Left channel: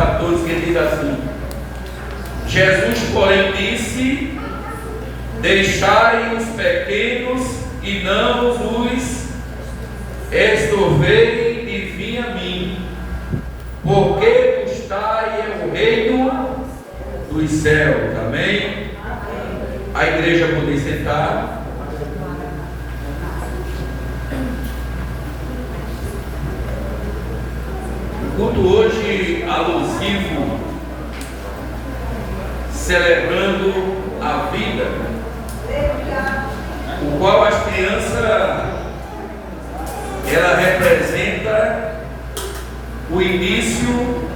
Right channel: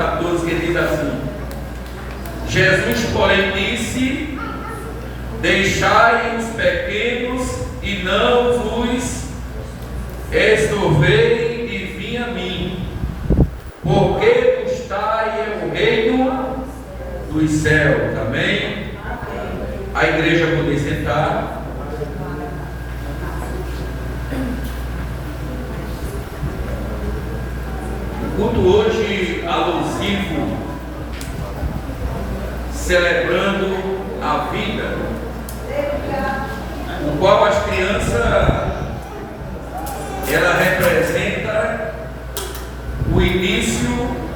14, que diz assim: Jesus, porém, disse: deixai os pequenos e não os estorvei e vim a mim, porque custai é o reino dos céus. Amém? A igreja poder sentar. O culto hoje alusivo, celebrando a vida, o qual as crianças, ela representa o início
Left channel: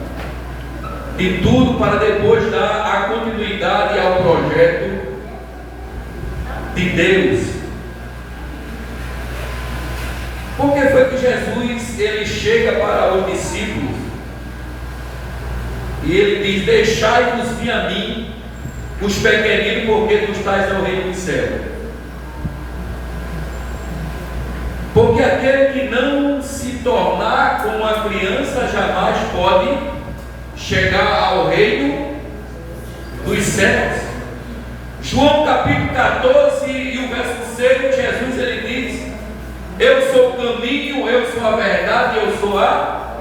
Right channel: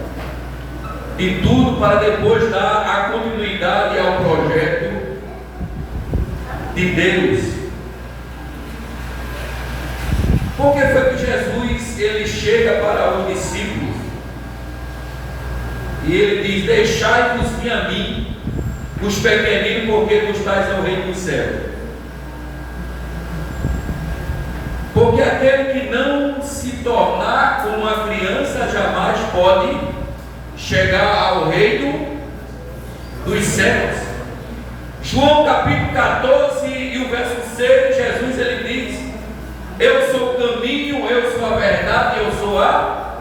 de tudo para depois dar a continuidade ao projeto de Deus. Por que foi que Jesus ele chega para os discípulos e ele diz: deixai-vos vir a mim os pequeninos, porque tu estás no reino do céu? Porque aquele que não se tornar como uma criança jamais pode chegar ao reino dos céus. João capítulo 14 e o verso 6, Jesus ele diz: eu sou o caminho, eu sou a verdade, eu sou a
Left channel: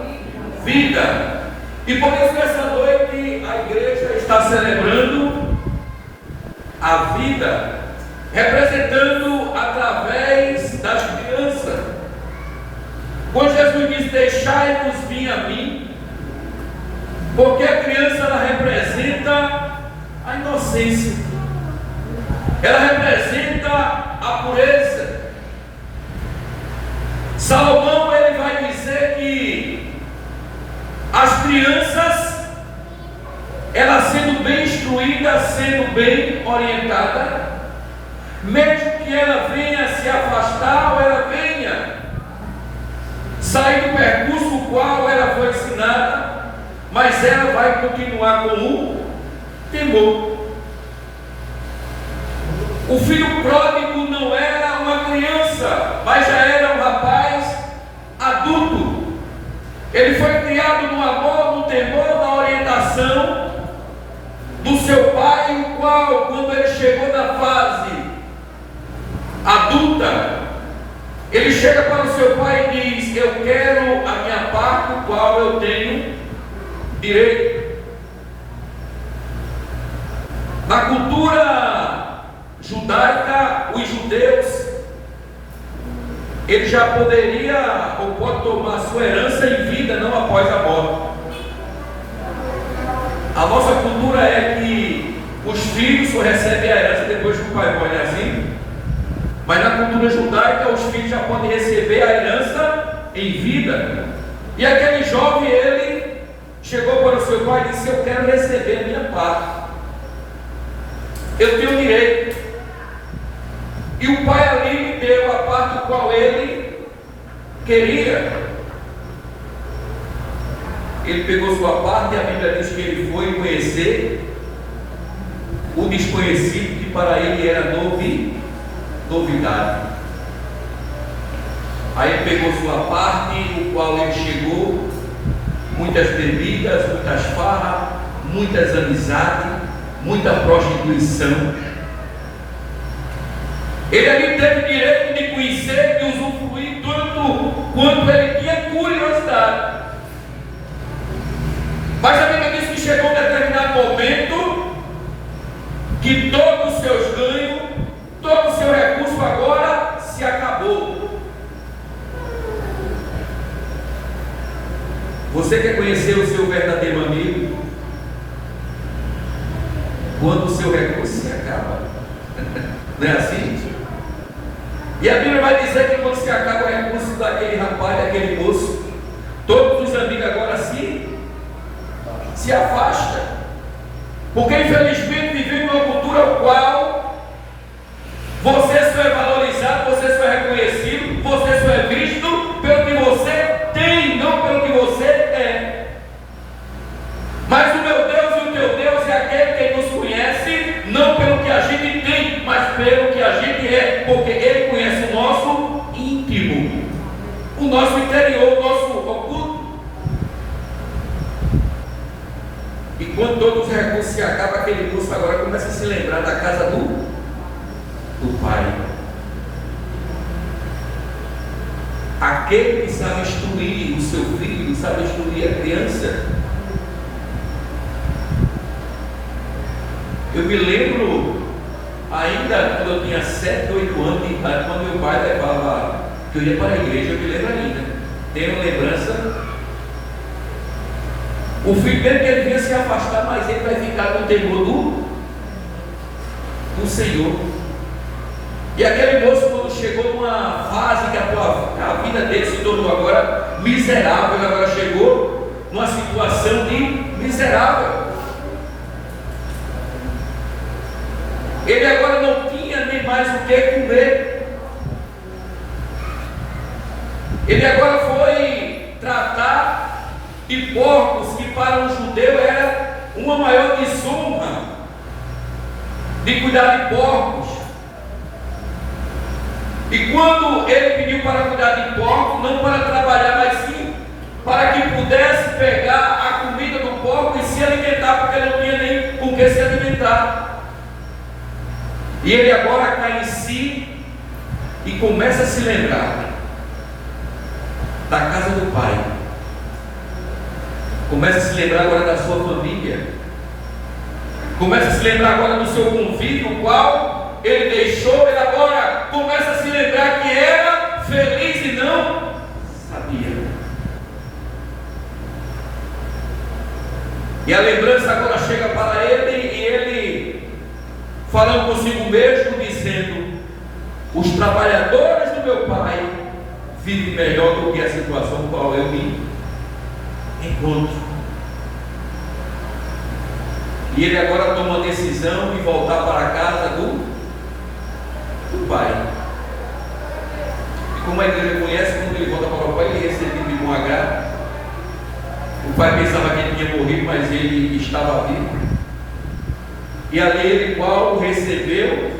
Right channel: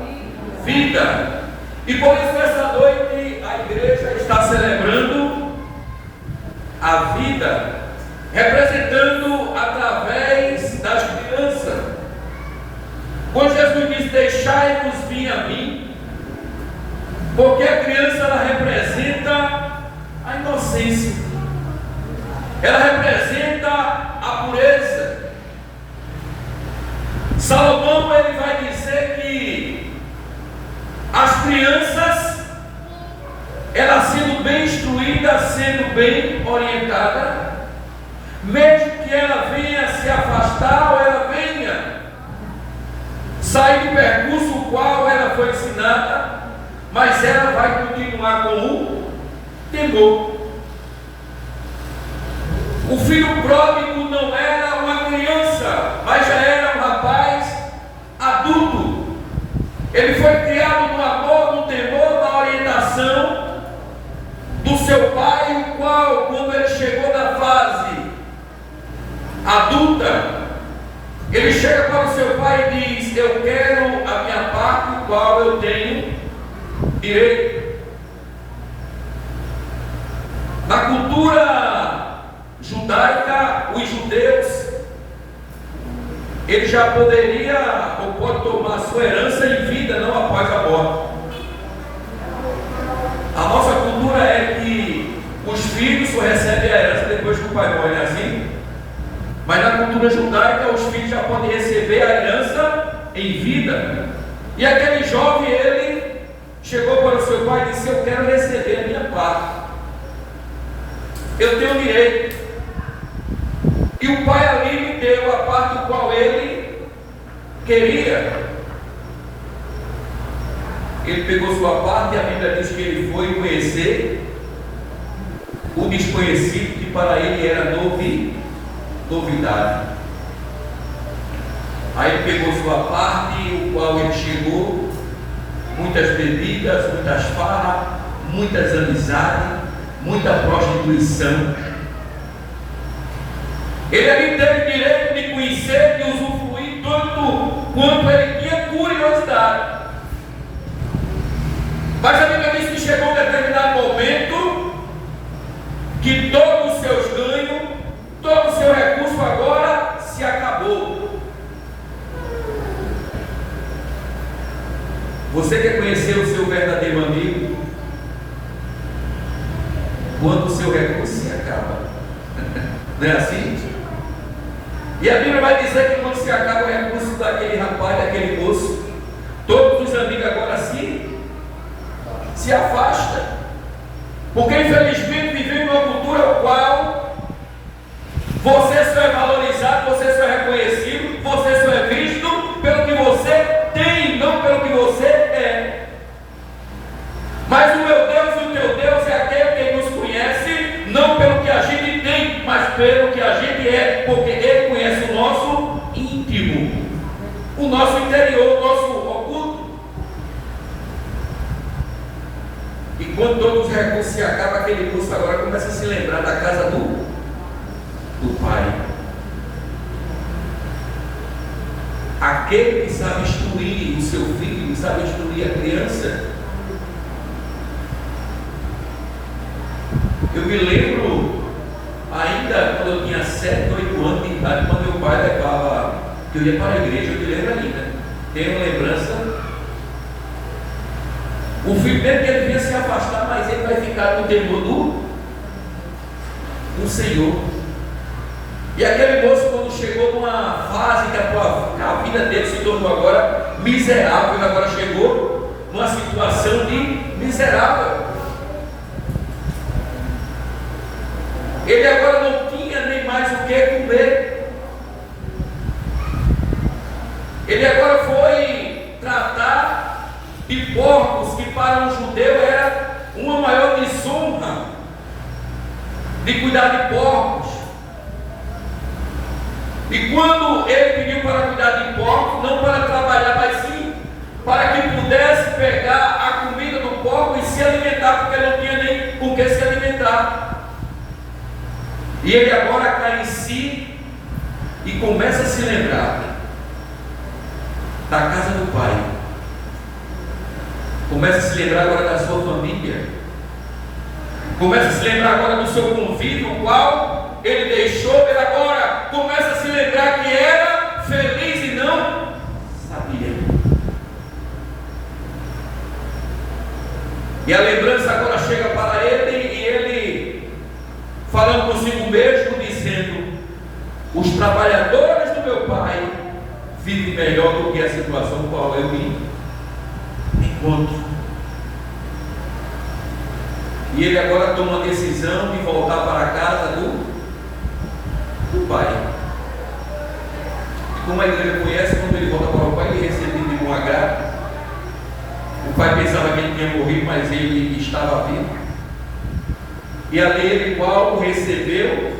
vida. E por isso nessa noite a igreja está celebrando a vida, representando através das crianças. Quando Jesus diz: deixai-vos vir a mim, porque a criança ela representa a inocência, ela representa a pureza. Salomão ele vai dizer que as crianças, elas sendo bem instruídas, sendo bem orientada, mesmo que ela venha se afastar ou ela venha sair do percurso o qual ela foi ensinada, mas ela vai continuar com o temor. O filho pródigo não era uma criança, mas já era um rapaz adulto. Ele foi criado no amor, no temor, na orientação do seu pai, o qual, quando ele chegou na fase adulta, ele chega para o seu pai e diz: eu quero a minha parte, o qual eu tenho direito. Na cultura judaica, os judeus, ele já poderia ou pode tomar sua herança em vida, não após a morte. A nossa cultura é que os filhos só recebem a herança depois que o pai morre, assim. Mas na cultura judaica, os filhos já podem receber a herança em vida. E aquele jovem, ele chegou para o seu pai e disse: eu quero receber a minha parte, eu tenho direito. E o pai ali me deu a parte qual ele queria. Ele pegou sua parte e a Bíblia diz que ele foi conhecer o desconhecido, que para ele era novidade. Aí ele pegou sua parte, o qual ele chegou, muitas bebidas, muitas farras, muitas amizades, muita prostituição. Ele ali teve o direito de conhecer e usufruir tanto quanto ele tinha curiosidade. Mas a Bíblia diz que chegou um determinado momento que todos os seus ganhos, todo o seu recurso agora se acabou. Você quer conhecer o seu verdadeiro amigo? Quando o seu recurso se acaba. Não é assim? E a Bíblia vai dizer que quando se acaba o recurso daquele rapaz, daquele moço, todos os amigos agora se afastam. Porque infelizmente vivemos numa cultura no qual você só é valorizado, você só é reconhecido, você só é visto pelo que você tem, não pelo que você é. Mas o meu Deus e o teu Deus é aquele que nos conhece, não pelo que a gente tem, mas pelo que a gente é, porque Ele conhece o nosso íntimo, o nosso interior, o nosso oculto. E quando todos os recursos se acabam, aquele moço agora começa a se lembrar da casa do pai. Aquele que sabe instruir o seu filho, sabe instruir a criança. Eu me lembro, ainda quando eu tinha 7, 8 anos de idade, quando meu pai levava, que eu ia para a igreja, eu me lembro ainda, tenho lembrança. O filho dele devia se afastar, mas ele vai ficar no temor do Senhor. E aquele moço, quando chegou numa fase que a vida dele se tornou agora miserável, ele agora chegou numa situação de miserável. Ele agora não tinha nem mais o que comer. Ele agora foi tratar de porcos, que para um judeu era uma maior desonra, de cuidar de porcos. E quando ele pediu para cuidar de porcos, não para trabalhar, mas sim para que pudesse pegar a comida do porco e se alimentar, porque não tinha nem com que se alimentar. E ele agora cai em si e começa a se lembrar da casa do pai. Começa a se lembrar agora da sua família. Começa a se lembrar agora do seu convívio, o qual ele deixou. Ele agora começa a se lembrar que era feliz e não sabia. E a lembrança agora chega para ele, e ele, falando consigo mesmo, dizendo: os trabalhadores do meu pai vivem melhor do que a situação com a qual eu me encontro. E ele agora toma a decisão de voltar para a casa do pai. E como a igreja conhece, quando ele volta para o pai, ele é recebido de bom agrado. O pai pensava que ele tinha morrido, mas ele estava vivo. E ali ele, Paulo, recebeu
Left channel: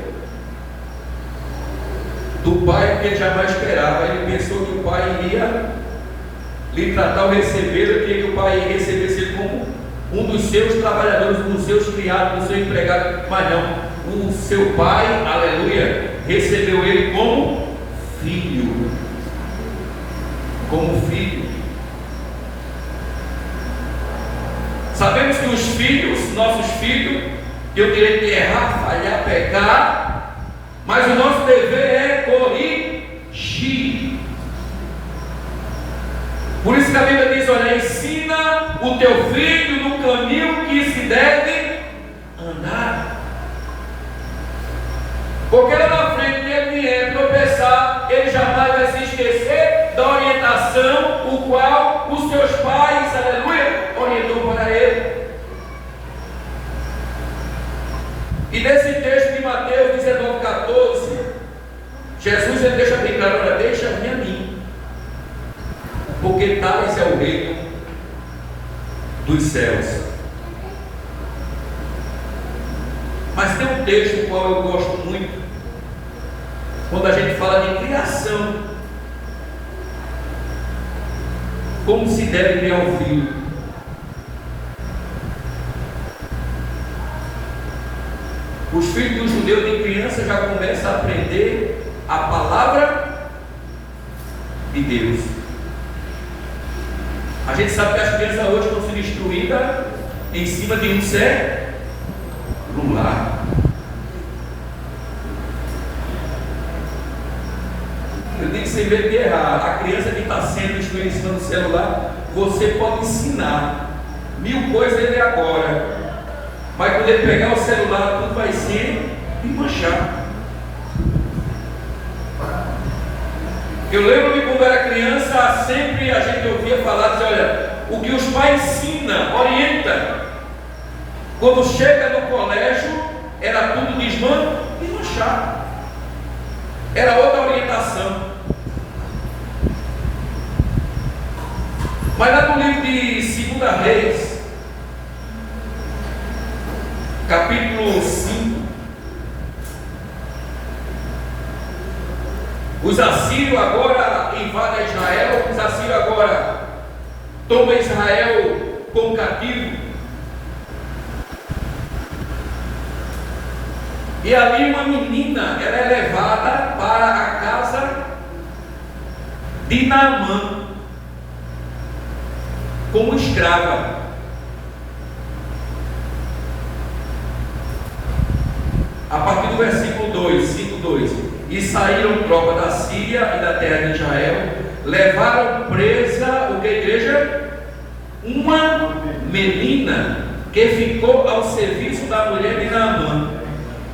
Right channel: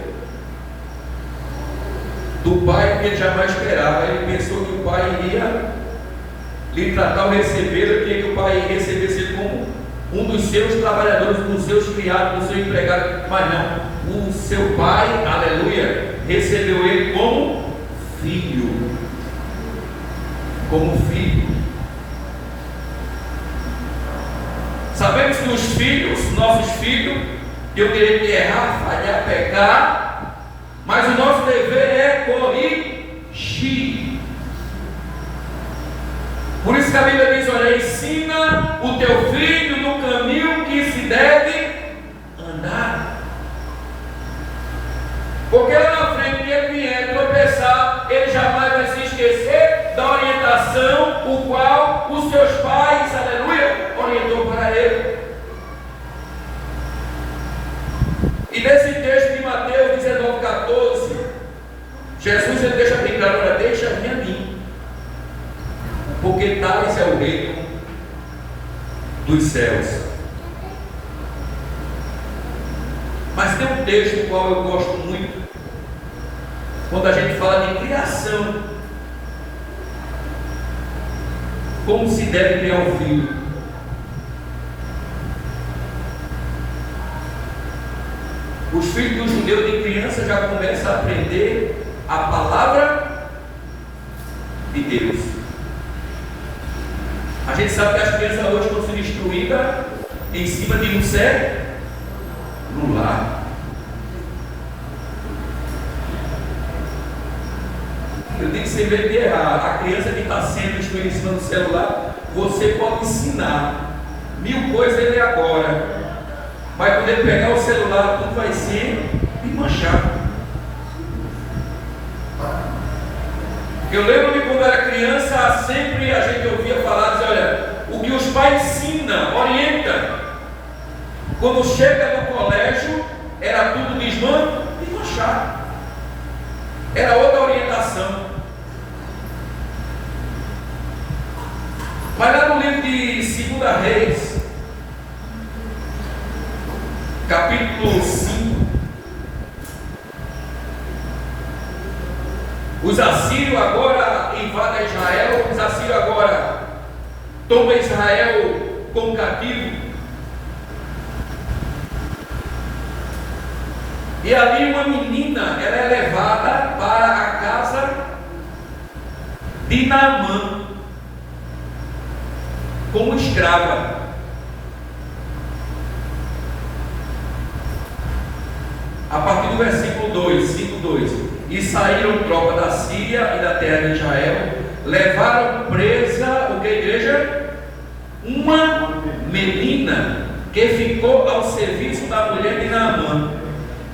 do pai que ele jamais esperava. Ele pensou que o pai iria lhe tratar ou receber, queria que o pai recebesse ele como um dos seus trabalhadores, dos seus criados, dos seus empregados. Mas não, o seu pai, aleluia, recebeu ele como filho. Como filho. Sabemos que os filhos, nossos filhos, eu terei que errar, falhar, pecar, mas o nosso dever é corrigir. Por isso que a Bíblia diz: olha, ensina o teu filho no caminho que se deve andar. Porque lá na frente, que ele vier tropeçar, ele jamais vai se esquecer da orientação o qual os seus pais, aleluia, orientou para ele. E nesse texto de Mateus 19:14, Jesus ele deixa bem claro: olha, deixa-me a mim, porque tais é o reino dos céus. Mas tem um texto do qual eu gosto muito, quando a gente fala de criação, como se deve criar um filho. Os filhos do judeu de criança já começam a aprender a palavra de Deus. A gente sabe que as crianças hoje estão sendo instruídas em cima de um celular. Eu tenho que ser bem errado. A criança que está sendo instruída em cima do celular, você pode ensinar 1000 coisas ele agora. Vai poder pegar o celular, tudo vai ser e manchar. Eu lembro de quando era criança, sempre a gente ouvia falar, dizer, olha, o que os pais ensinam, orienta. Quando chega no colégio, era tudo desmanchar. Era outra orientação. Mas lá no livro de 2 Reis, capítulo 5, os assírios agora invadem Israel, os assírios agora tomam Israel como cativo. E ali uma menina, ela é levada para a casa de Naamã como escrava. A partir do versículo 2, 5:2. E saíram tropa da Síria e da terra de Israel, levaram presa, o que, igreja? Uma menina que ficou ao serviço da mulher de Naamã.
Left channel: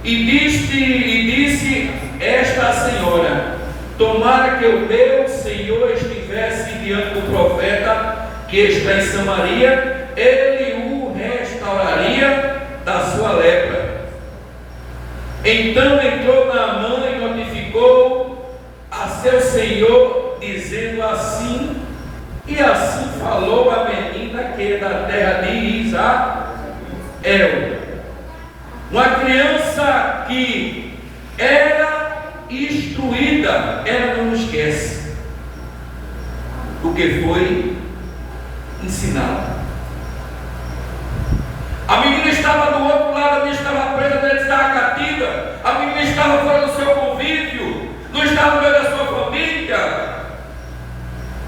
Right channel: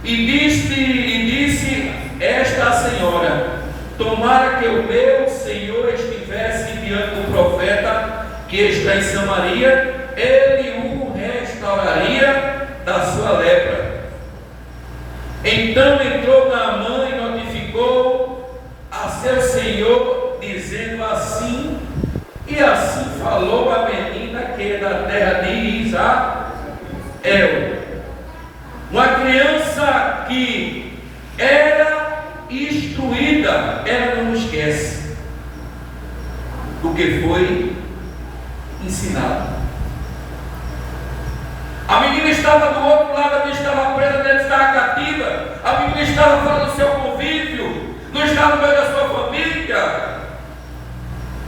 E disse esta senhora: tomara que o meu senhor estivesse diante do profeta que está em Samaria, ele o restauraria da sua lepra. Então entrou Naamã e notificou a seu senhor, dizendo assim, e assim falou a menina que é da terra de Israel. Uma criança que era instruída, ela não esquece do que foi ensinado. A menina estava do outro lado, a menina estava presa, a menina estava cativa, a menina estava fora do seu convívio, não estava no meio da sua família.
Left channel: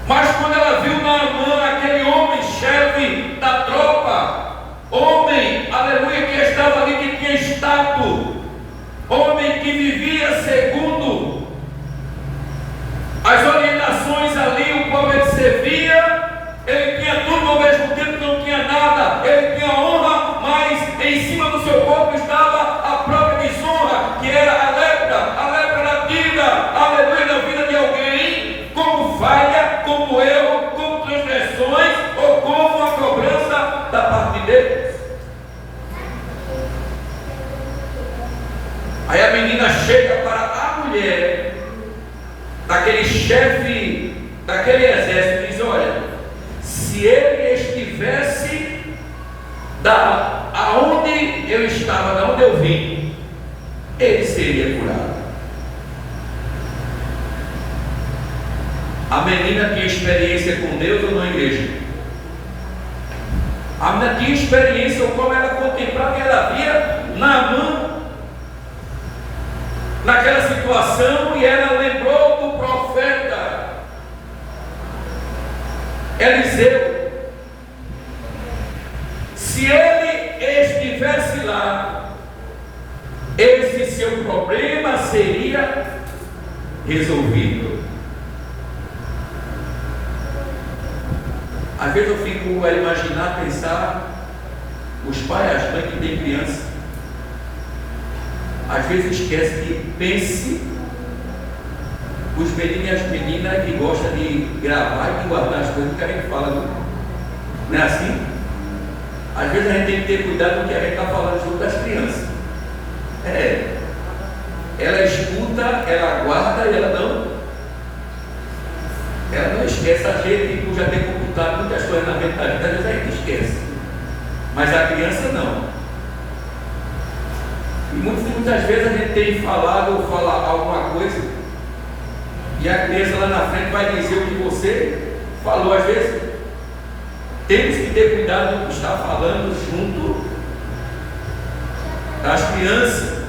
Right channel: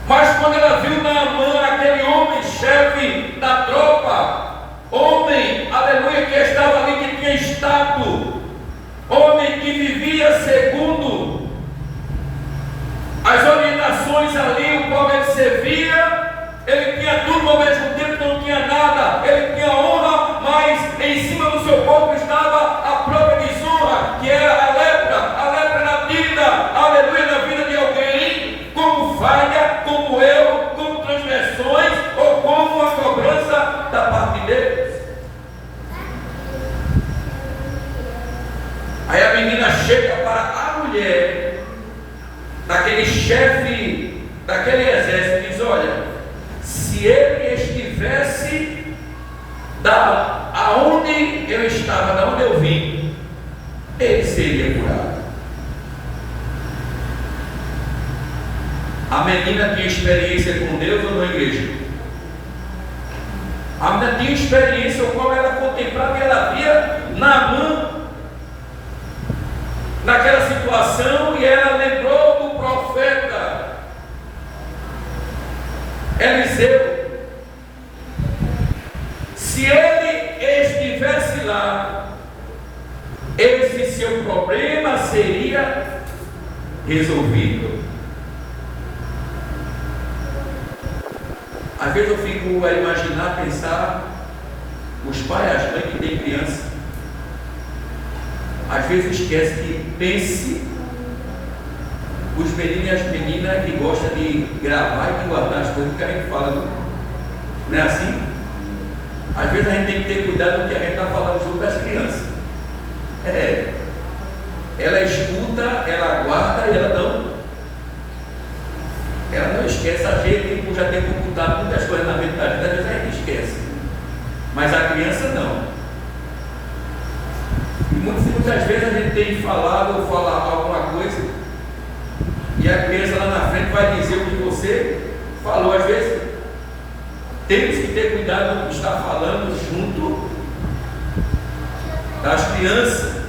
Mas quando ela viu Naamã, aquele homem chefe da tropa, homem, aleluia, que estava ali, que tinha status, homem que vivia segundo as orientações ali, o qual ele servia, ele tinha tudo ao mesmo tempo, não tinha nada, ele tinha honra, mas em cima do seu corpo estava a própria desonra, que era a lepra na vida, aleluia, na vida de alguém, como falha, como erro, como transgressões, ou como a cobrança da parte de Deus. Aí a menina chega para a mulher daquele chefe, daquele exército, e diz: olha, se ele estivesse aonde eu estava, da onde eu vim, ele seria curado. A menina tinha experiência com Deus ou não, igreja? A menina tinha experiência, o qual ela contemplava, que ela via Naamã naquela situação, e ela lembrou do profeta Eliseu. Se ele estivesse lá, esse seu problema seria resolvido. Às vezes eu fico a imaginar, pensar, os pais, as mães que têm criança, às vezes esquece que pense os meninos e as meninas que gostam de gravar e de guardar as coisas que a gente fala, não é assim? Às vezes a gente tem que ter cuidado com o que a gente está falando junto das crianças. Ela escuta, ela guarda e ela não esquece. A gente, por já ter computado muitas coisas na mentalidade, às vezes a gente esquece, mas a criança não. E muitas vezes a gente tem falado ou falar alguma coisa, e a criança lá na frente vai dizer o que você falou. Às vezes temos que ter cuidado com o que está falando junto das crianças,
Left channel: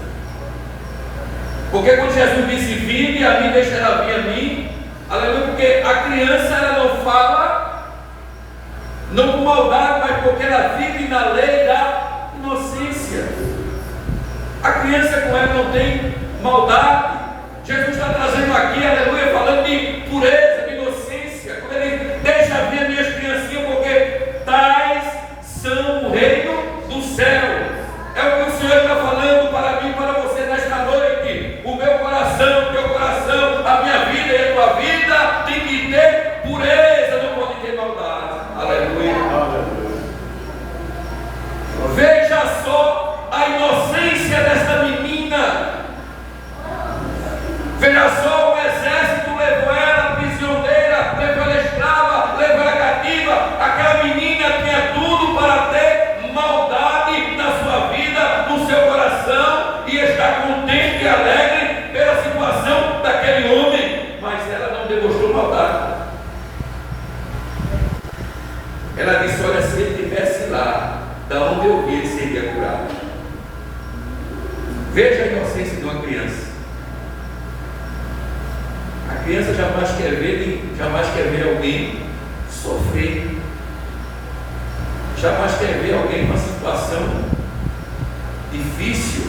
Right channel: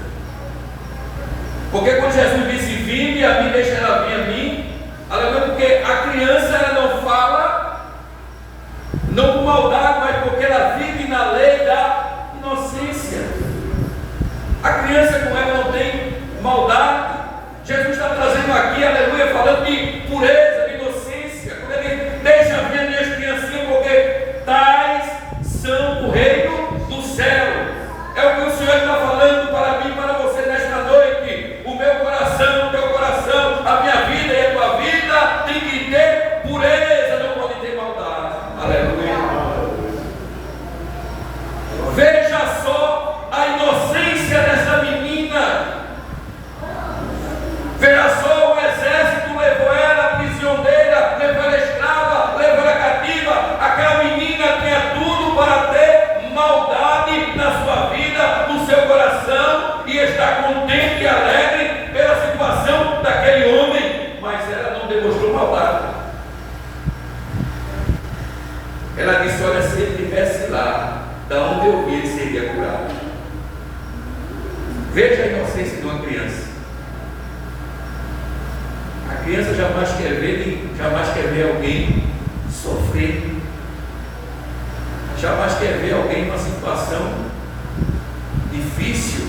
porque quando Jesus disse: vinde a mim, deixa ela vir a mim, aleluia, porque a criança ela não fala não com maldade, mas porque ela vive na lei da inocência. A criança com ela não tem maldade. Jesus está trazendo aqui, aleluia, falando de pureza, de inocência, quando ele deixa vir minhas criancinhas, porque tais são o reino do céu. É o que o Senhor está falando para mim e para você nesta noite. O meu coração, o teu coração, a minha vida e a tua vida tem que ter pureza, não pode ter maldade. Aleluia. Veja só a inocência dessa menina. Veja só, o exército levou ela prisioneira, levou ela escrava, levou ela cativa. Aquela menina tinha tudo para ter maldade na sua vida, no seu coração, e estar contente e alegre pela situação daquele homem, mas ela não demonstrou maldade. Ela disse: olha, se ele estivesse lá, da onde eu vi, ele seria curado. Veja a inocência de uma criança. A criança jamais quer ver alguém sofrer. Jamais quer ver alguém numa situação difícil,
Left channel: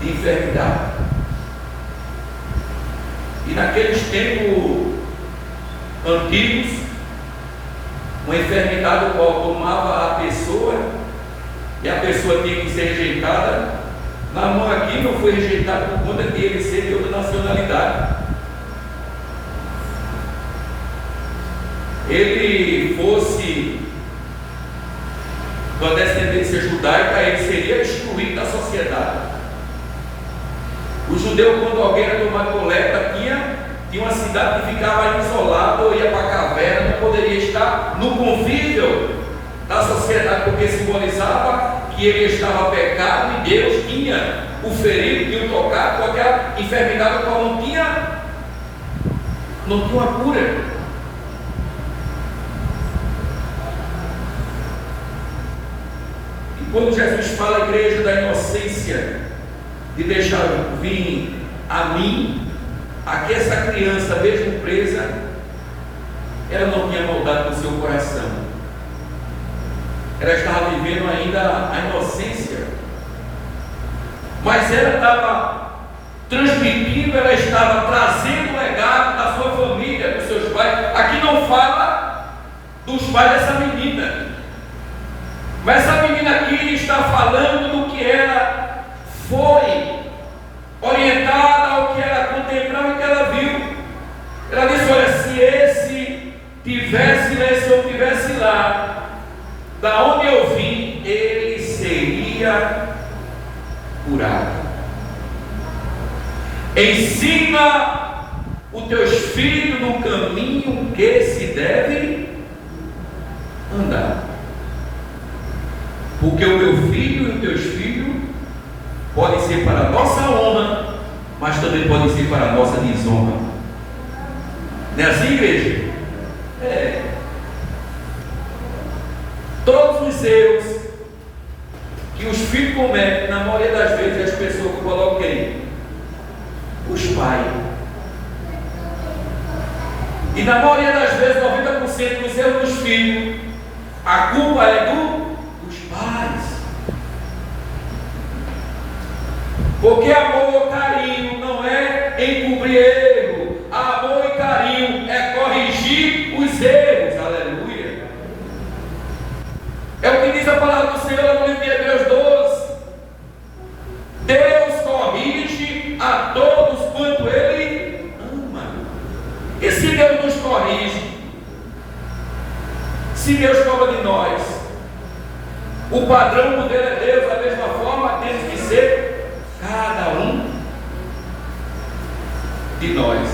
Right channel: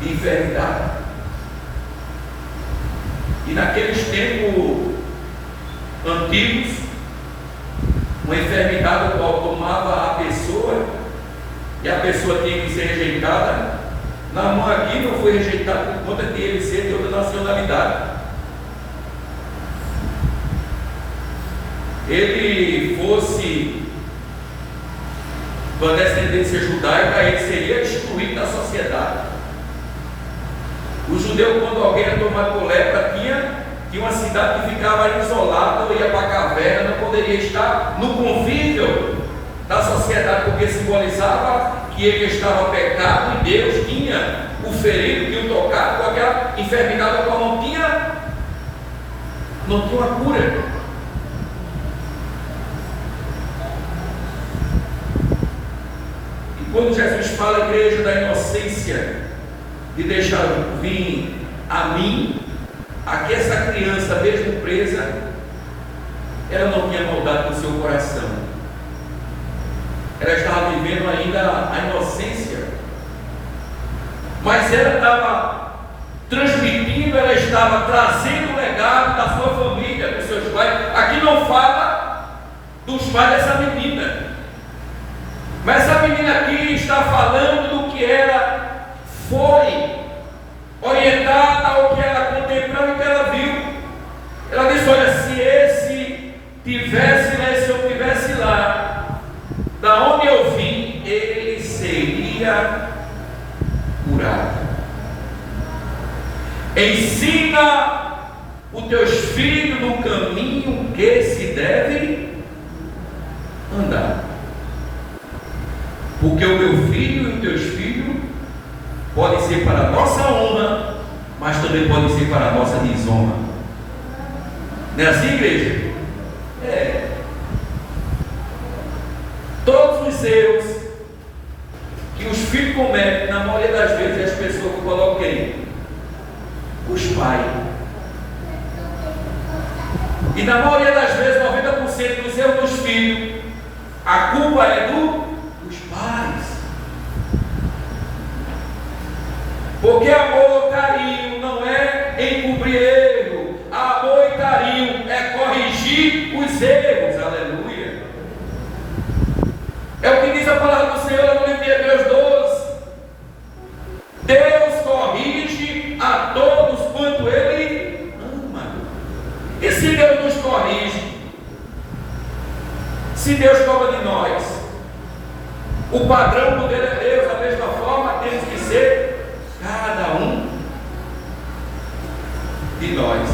de enfermidade. E naqueles tempos antigos, uma enfermidade o qual tomava a pessoa, e a pessoa tinha que ser rejeitada. Naamã aqui não foi rejeitado por conta de ele ser de outra nacionalidade. Ele fosse da descendência judaica, ele seria excluído da sociedade. O judeu, quando alguém era tomado por lepra, tinha uma cidade que ficava isolada, ou ia para a caverna, não poderia estar no convívio da sociedade, porque simbolizava que ele estava pecado e Deus tinha o ferido, tinha o tocado com aquela enfermidade, qual não tinha uma cura. E quando Jesus fala, igreja, da inocência, de deixar vir a mim, aqui essa criança, mesmo presa, ela não tinha maldade no seu coração. Ela estava vivendo ainda a inocência, mas ela estava transmitindo, ela estava trazendo o legado da sua família, dos seus pais. Aqui não fala dos pais dessa menina, mas essa menina aqui está falando do que ela foi orientada, ao que ela contemplou e que ela viu. Ela disse: olha, se esse tivesse lá, se eu tivesse lá, da onde eu vim, ele seria curado. Ensina os teus filhos no caminho que se deve andar, porque o meu filho e os teus filhos podem ser para a nossa honra, mas também podem ser para a nossa desonra. Não é assim, igreja? É. Todos os erros que os filhos cometem, na maioria das vezes, as pessoas colocam quem? Os pais. E na maioria das vezes, 90% dos erros dos filhos, a culpa é dos pais. Porque amor, carinho não é encobrir erro. Amor e carinho é corrigir os erros. Aleluia. É o que diz a palavra do Senhor no livro de Hebreus 12. Deus corrige a todos quanto Ele ama. E se Deus nos corrige, se Deus cobra de nós, o padrão do Deus é Deus, da mesma forma temos que ser cada um de nós.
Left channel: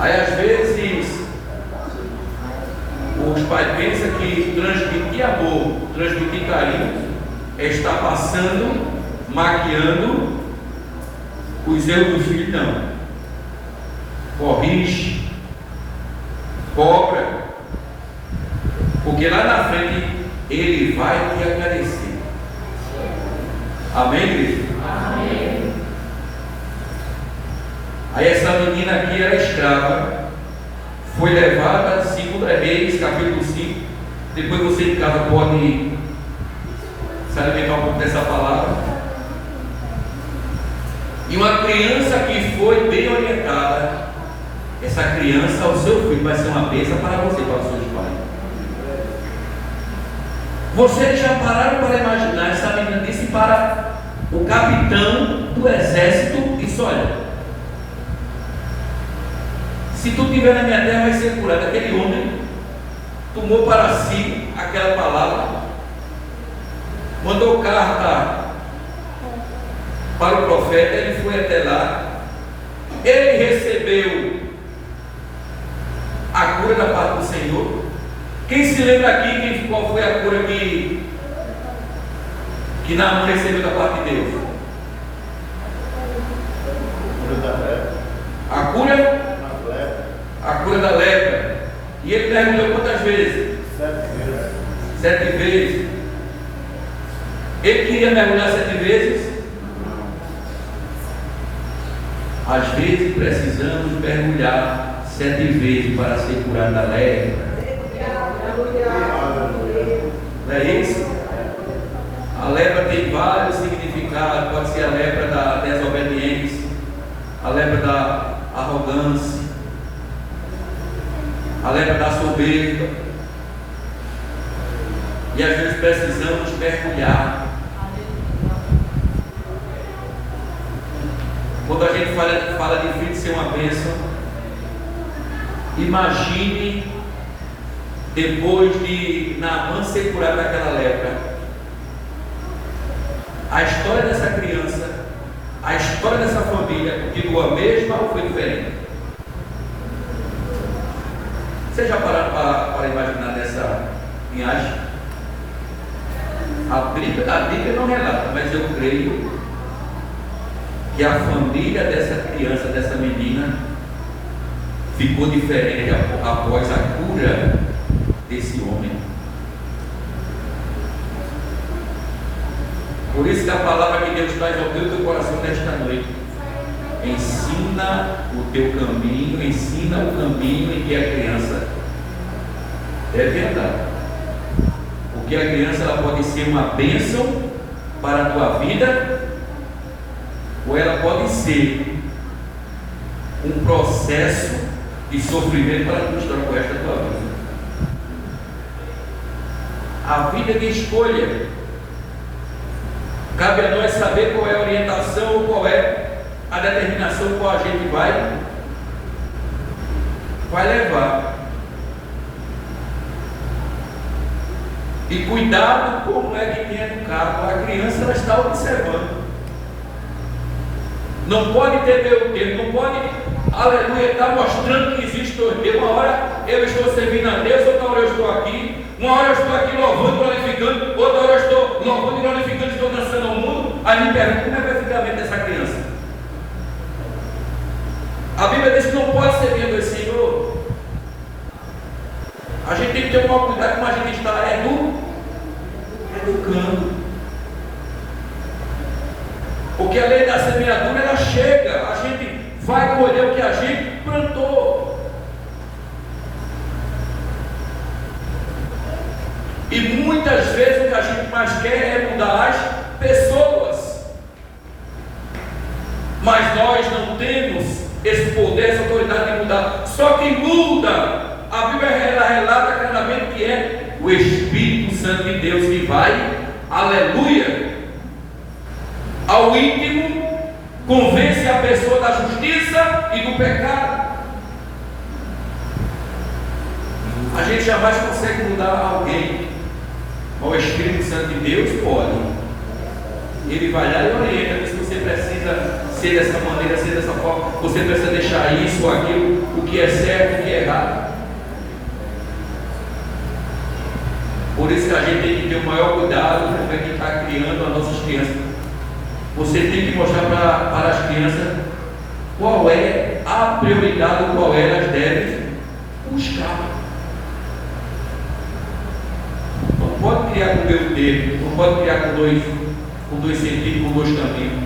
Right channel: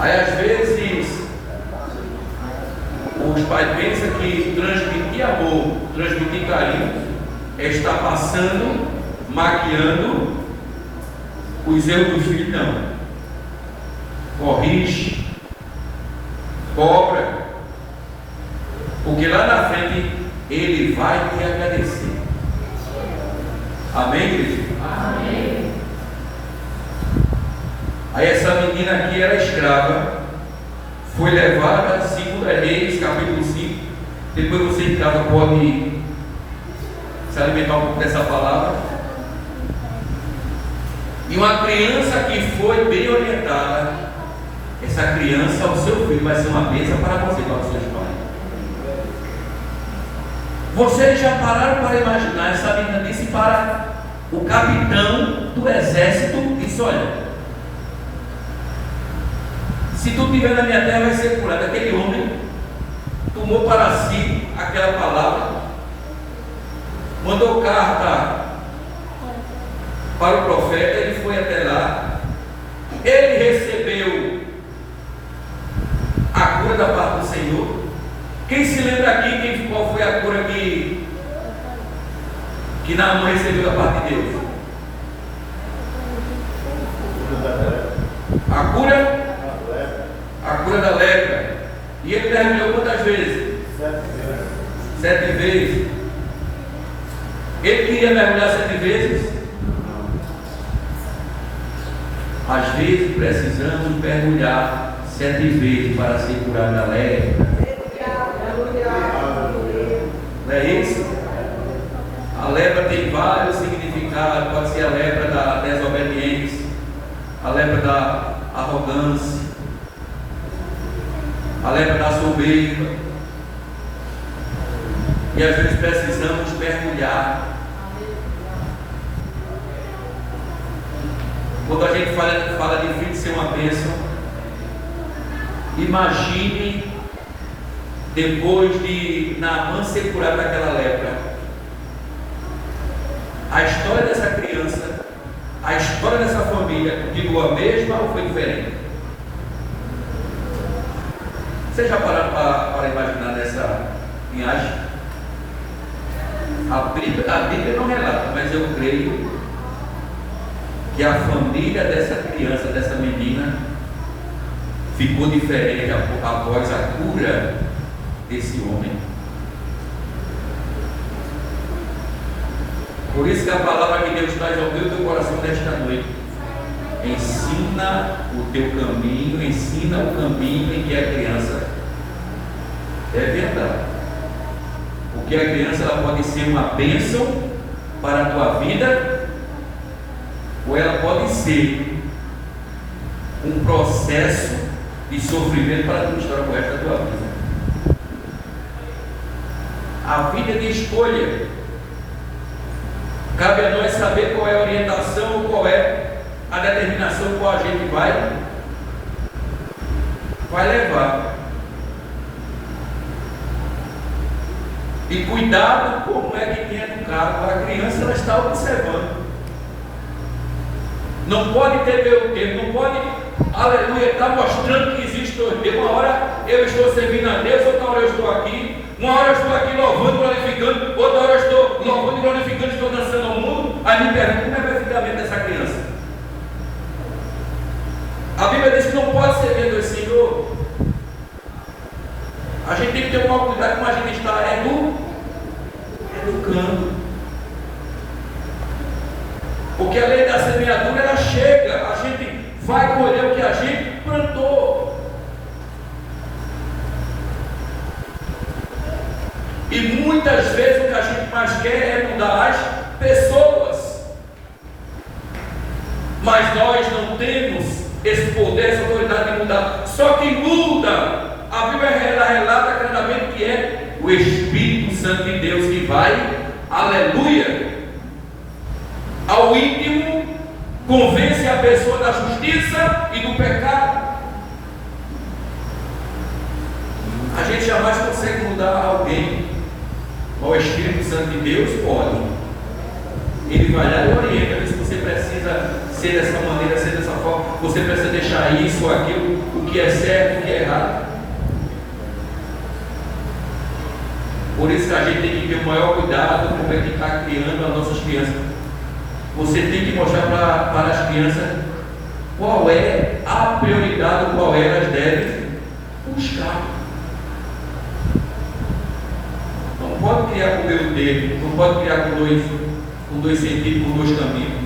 Aí às vezes os pais pensam que transmitir amor, transmitir carinho, é estar passando, maquiando os erros dos filhos. Não. Corrige, cobra, porque lá na frente ele vai te agradecer. Amém, igreja? Amém. Aí essa menina aqui era escrava, foi levada, segundo Reis, capítulo 5. Depois você em casa pode se alimentar um pouco dessa palavra. E uma criança que foi bem orientada, essa criança, o seu filho, vai ser uma bênção para você, para os seus pais. Vocês já pararam para imaginar? Essa menina disse para o capitão do exército: disse, olha, se tu estiver na minha terra, vai ser curado. Aquele homem tomou para si aquela palavra, mandou carta para o profeta, ele foi até lá, ele recebeu a cura da parte do Senhor. Quem se lembra aqui qual foi a cura que Naamã recebeu da parte de Deus? A cura da lepra. E ele mergulhou quantas vezes? 7 vezes. Ele queria mergulhar 7 vezes? Às vezes precisamos mergulhar 7 vezes para ser curado da lepra. Não é isso? A lepra tem vários significados. Pode ser a lepra da desobediência, a lepra da arrogância, a lepra da soberba. E às vezes precisamos mergulhar. Quando a gente fala de filho ser uma bênção, imagine depois de Naamã ser curado daquela lepra, a história dessa criança, a história dessa família, continuou a mesma ou foi diferente? Vocês já pararam para imaginar nessa linhagem? A Bíblia não relata, mas eu creio que a família dessa criança, dessa menina, ficou diferente após a cura desse homem. Por isso que a palavra que Deus traz ao teu coração nesta noite: ensina o teu caminho, ensina o caminho em que a criança deve andar. Porque a criança ela pode ser uma bênção para a tua vida, ou ela pode ser um processo de sofrimento para a tua história com esta tua vida. A vida de escolha. Cabe a nós saber qual é a orientação ou qual é a determinação qual a gente vai levar. E cuidado como é que tem educado. A criança ela está observando. Não pode ter meio termo, não pode, aleluia, estar mostrando que existe dois Deus. Uma hora eu estou servindo a Deus, outra hora eu estou aqui. Uma hora eu estou aqui louvando, glorificando, outra hora eu estou louvando, glorificando, estou dançando ao mundo. Aí me pergunta como é que vai ficar a mente dessa criança. A Bíblia diz que não pode ser vendo esse Senhor. A gente tem que ter um maior cuidado como a gente está educando. Porque a lei da semeadura ela chega, a gente vai colher o que a gente plantou. E muitas vezes o que a gente mais quer é mudar as pessoas. Mas nós não temos esse poder, essa autoridade de mudar. Só quem muda, a Bíblia relata claramente que é o Espírito Santo de Deus que vai, aleluia, ao íntimo, convence a pessoa da justiça e do pecado. A gente jamais consegue mudar alguém. O Espírito Santo de Deus pode. Ele vai lá e orienta. Se você precisa ser dessa maneira, ser dessa forma, você precisa deixar isso ou aquilo, o que é certo, o que é errado. Por isso que a gente tem que ter o maior cuidado com o que está criando as nossas crianças. Você tem que mostrar para as crianças qual é a prioridade, qual elas devem buscar. Não pode criar com meio termo, não pode criar com dois sentidos, com dois caminhos.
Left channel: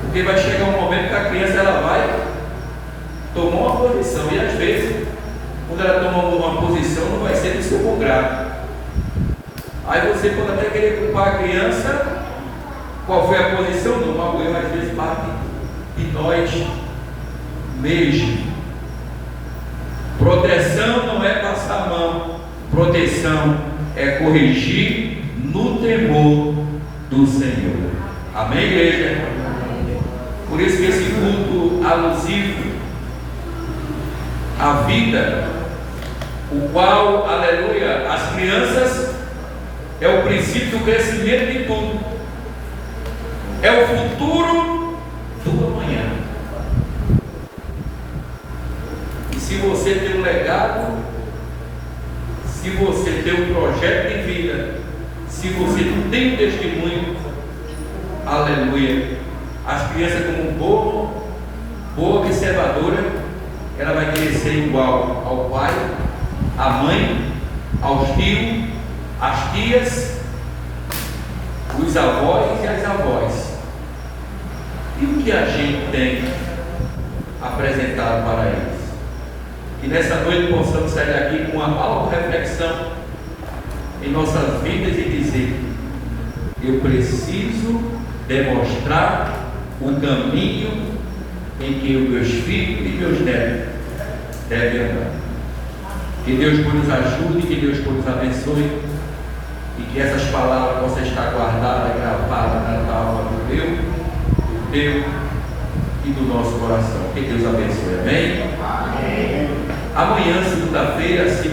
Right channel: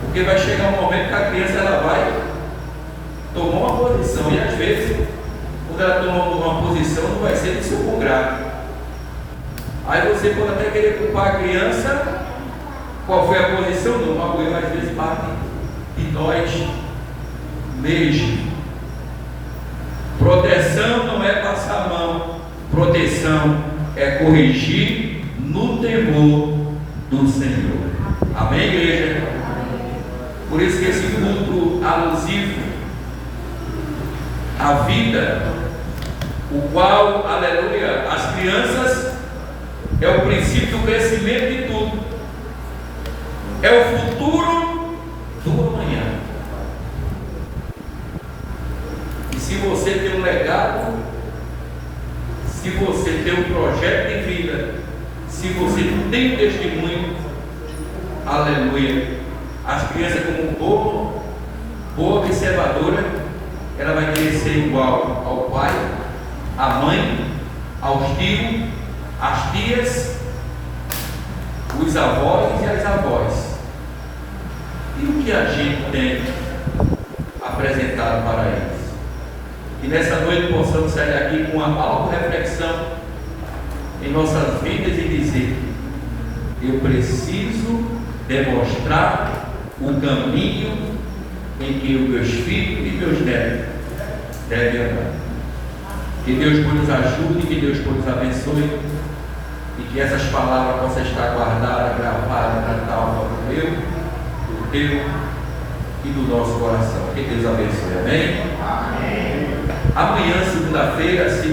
Porque vai chegar um momento que a criança ela vai tomar uma posição, e às vezes, quando ela toma uma posição, não vai ser de socorro grave. Aí você pode até querer culpar a criança. Qual foi a posição? Não, uma coisa às vezes parte de nós mesmo. Proteção não é passar a mão, proteção é corrigir no temor do Senhor. Amém, igreja? Por isso que esse culto alusivo à vida, o qual, aleluia, as crianças é o princípio do crescimento de tudo. É o futuro do amanhã. E se você tem um legado, se você tem um projeto de vida, se você tem um testemunho, aleluia, as crianças como boa observadora, ela vai querer ser igual ao pai, à mãe, aos tios, às tias, os avós e as avós. E o que a gente tem apresentado para eles? Que nessa noite possamos sair daqui com uma auto-reflexão em nossas vidas e dizer: eu preciso demonstrar o caminho em que os meus filhos e meus netos devem andar. Que Deus nos ajude, que Deus nos abençoe e que essas palavras possam estar guardadas, gravadas na alma do meu, do teu e do nosso coração. Que Deus abençoe. Amém? Amém. Amanhã, segunda-feira, se